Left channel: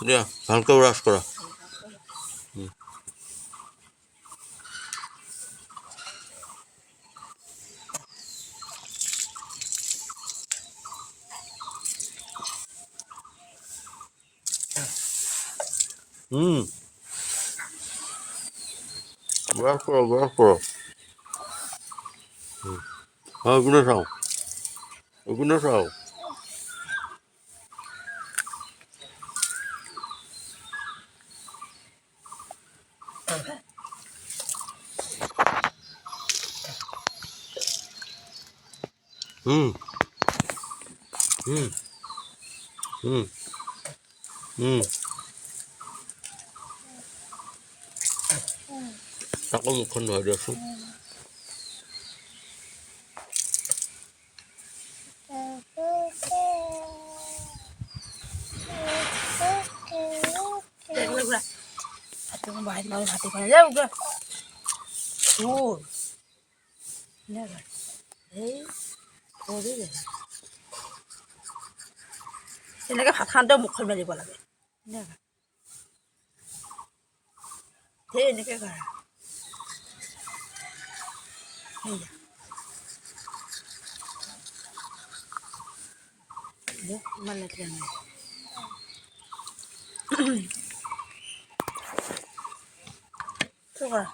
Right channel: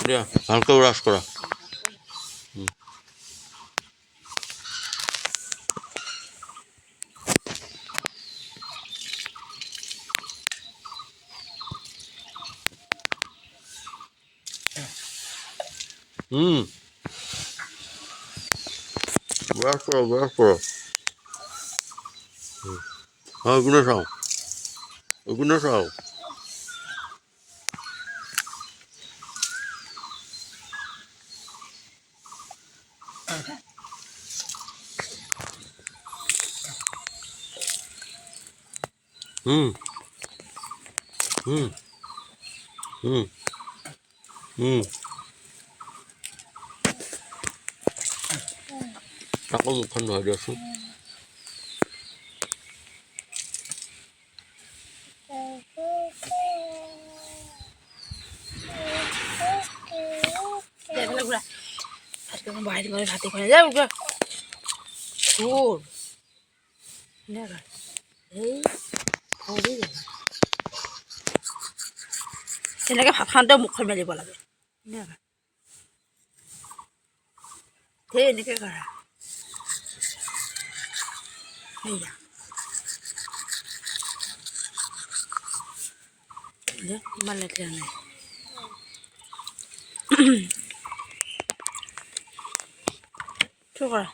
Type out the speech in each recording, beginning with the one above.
দিয়া ভালকৈ ব্ৰাছ কৰা ব্ৰাছ কৰা এইপিনে চাওঁ আকৌ মুখখন ধুৱাই দিয়াচোন তেনেকৈ ভাত খাওঁতে মুখখন মেলিব লাগে সেই এনেকৈ কৰা ইমান লেতেৰা নাই কি কৰা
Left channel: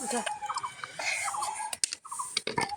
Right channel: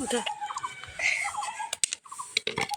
উঠা